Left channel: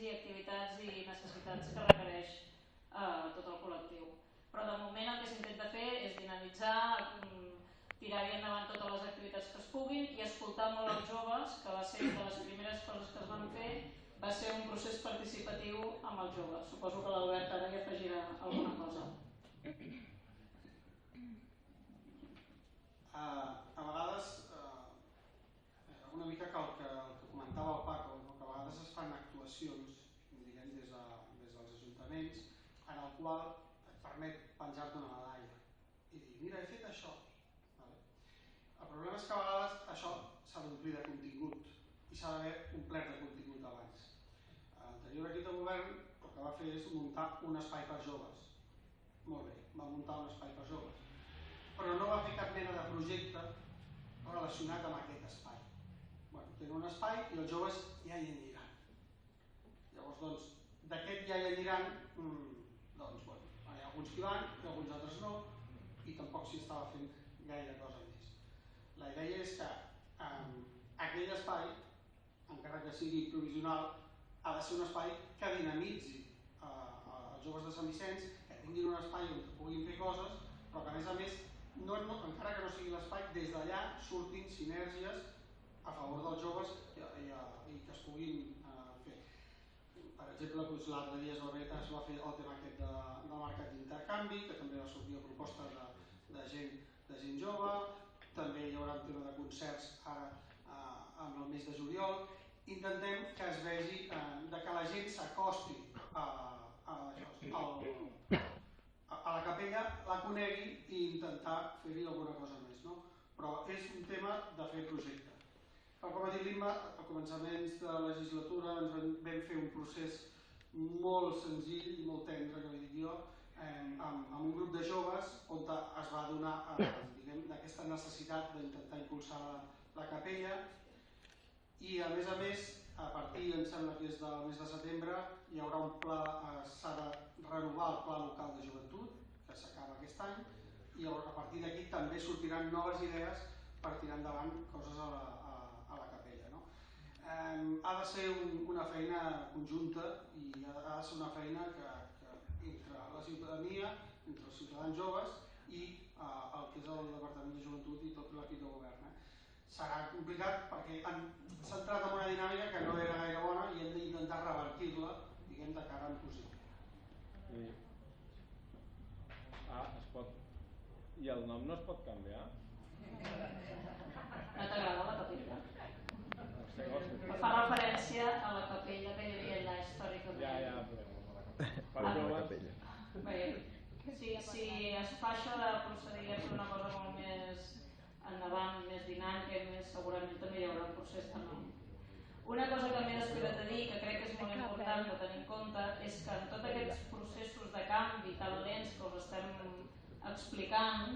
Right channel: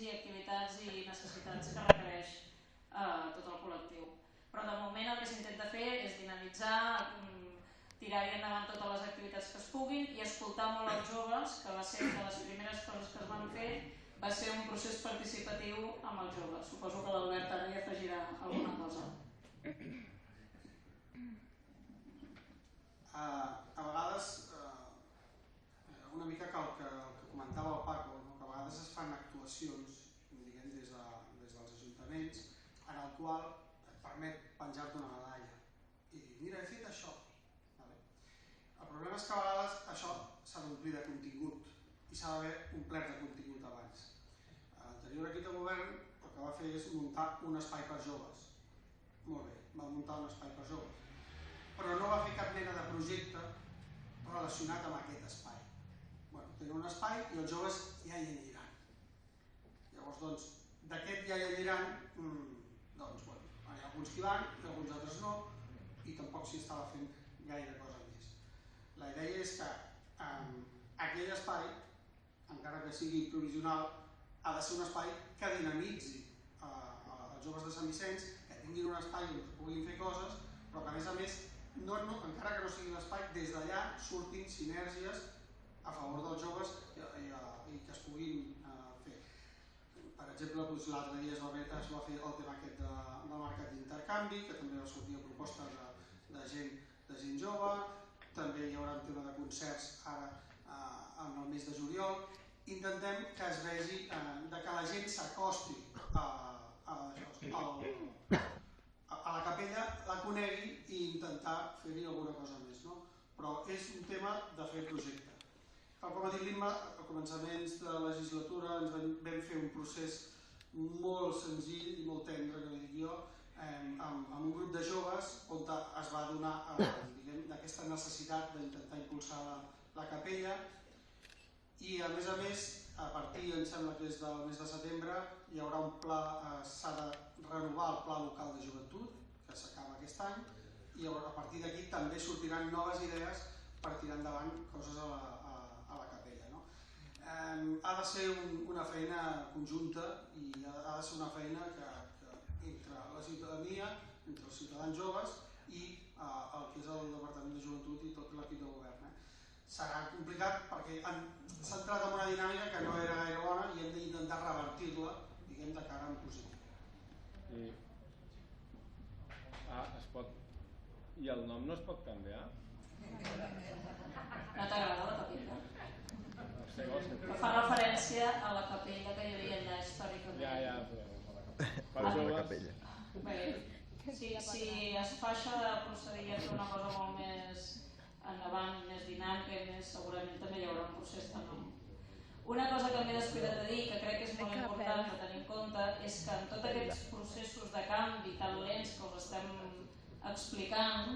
i activitats i necessitats que requereix tot el col·lectiu. Però de moment el que s'intenta fer és dinamitzar, tirar endavant totes les activitats que es puguin i escoltar molt els joves, que va ser una de les primeres coses que es van fer, va ser un procés participatiu amb els joves. Suposo que l'Albert ara hi afegirà alguna cosa. A vegades, una mica que el que comentava el Paco, que a vegades es fan actuacions des dels ajuntaments en el qual et permet penjar-te una medalla i dir, mira, he fet això. El problema és que a vegades això s'ha d'omplir de contingut i s'ha d'haver omplert de contingut abans. L'anterior equip de govern el que va fer és muntar un espai per joves. Molt bé, va muntar un espai per joves, però no va fer cap mena de projecte relacionat amb aquest espai. Tenen un espai i els joves ja hi aniran. Llavors, doncs, d'aquest ja hi aniran, doncs, bueno, hi ha alguns que hi van i alguns altres no, i tampoc s'hi estava fent gaire cosa més. La idea és que aquell espai, encara que sigui provisional, ha de ser un espai que dinamitzi els joves de Sant Vicenç, que tinguin un espai on puguin fer coses, però que a més, encara que no sigui l'espai, des d'allà surtin sinergies a favor dels joves i que es puguin fer. Per exemple, l'altre dia es va fer el tema aquest del mercat d'intercanvi, que també va sortir a proposta de gent jove. També hi haurà un tema de concerts ara en el mes de juliol. Intentem que es vegi que la gent s'acosti a la capella, la conegui i intentar fer-hi alguna cosa més. Però és un tema de fer projecte. Com ha dit l'Imma, al començaments de la legislatura ens vam fer un procés molt senzill i molt tendre, que dic jo, amb un grup de joves on es va donar aquesta necessitat d'intentar impulsar la capella i a més, a partir, em sembla que és del mes de setembre, hi haurà un pla, s'ha de renovar el pla local de joventut, que s'acaba aquest any, i a partir d'aquí també sortiran noves idees per tirar endavant coses a la capella. Ha de ser una feina conjunta i ha de ser una feina que entre la ciutadania, entre els ciutadans joves i el que és el Departament de Joventut i tot l'equip de govern. Serà complicat perquè s'ha entrat en una dinàmica que no era gaire bona i hem d'intentar revertir-la, diguem, de cara en positiu. I el nom no es pot canviar? No t'agrada la capella? Fa referència a la capella que hi havia allà històricament. Si es fa això de procedir a fer una cosa molt més endavant, més dinàmica i més, segurament també hi haurà un procés de nom. Una cosa que m'he descuidat de dir, que crec que és molt important de tenir en compte, és que en tots aquests processos de canvi tan lents que us estem explicant,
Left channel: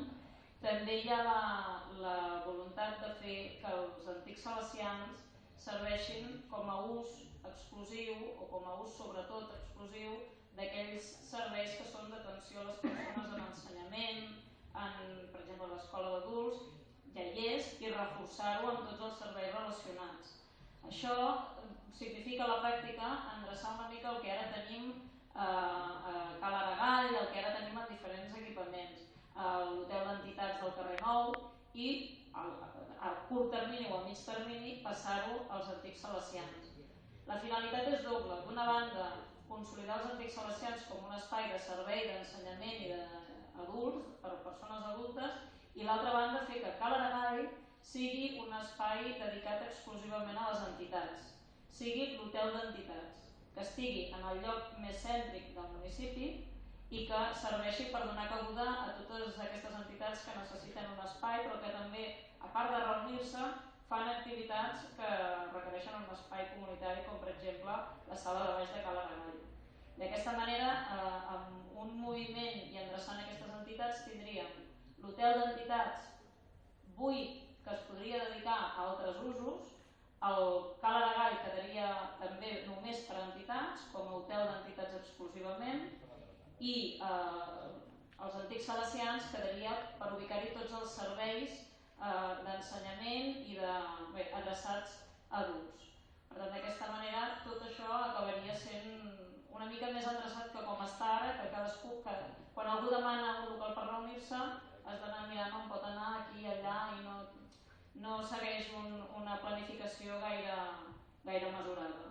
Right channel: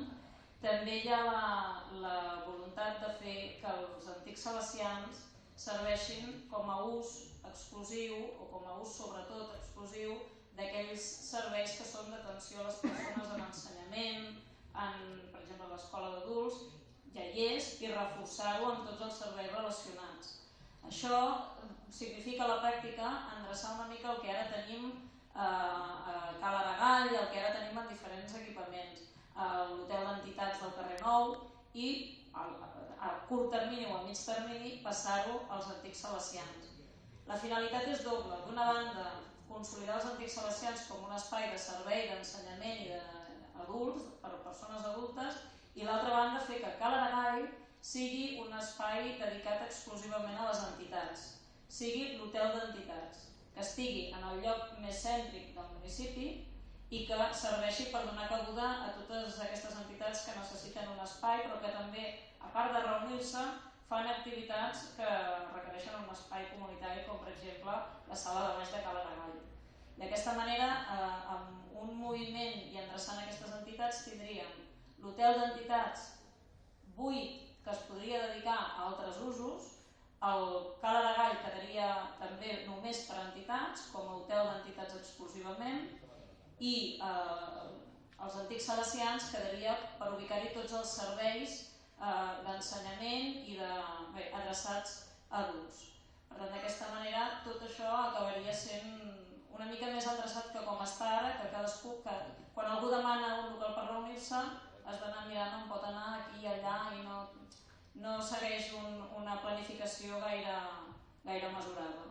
també hi ha la voluntat de fer que els antics salesians serveixin com a ús exclusiu o com a ús sobretot exclusiu d'aquells serveis que són d'atenció a les persones en ensenyament, per exemple a l'escola d'adults, ja hi és, i reforçar-ho amb tots els serveis relacionats. Això significa a la pràctica endreçar una mica el que ara tenim a Cal Aragall, el que ara tenim en diferents equipaments, l'hotel d'entitats del carrer Nou i a curt termini o a mig termini passar-ho als antics salesians. La finalitat és doble. D'una banda, consolidar els antics salesians com un espai de servei, d'ensenyament i d'adults, per a persones adultes, i l'altra banda fer que Cal Aragall sigui un espai dedicat exclusivament a les entitats, sigui l'hotel d'entitats, que estigui en el lloc més cèntric del municipi i que serveixi per donar cabuda a totes aquestes entitats que necessiten un espai, però que també, a part de reunir-se, fan activitats que requereixen un espai comunitari, com per exemple la sala de baix de Cal Aragall. D'aquesta manera, amb un moviment i endreçant aquestes entitats, tindríem l'hotel d'entitats buit que es podria dedicar a altres usos, el Cal Aragall quedaria també només per a entitats, com a hotel d'entitats exclusivament, i els antics salesians quedaria per ubicar-hi tots els serveis d'ensenyament i adreçats a adults. Per tant, d'aquesta manera, tot això acabaria sent cadascú, que quan algú demana un local per reunir-se has d'anar mirant on pot anar, aquí, allà, i no segueix una planificació gaire mesurada.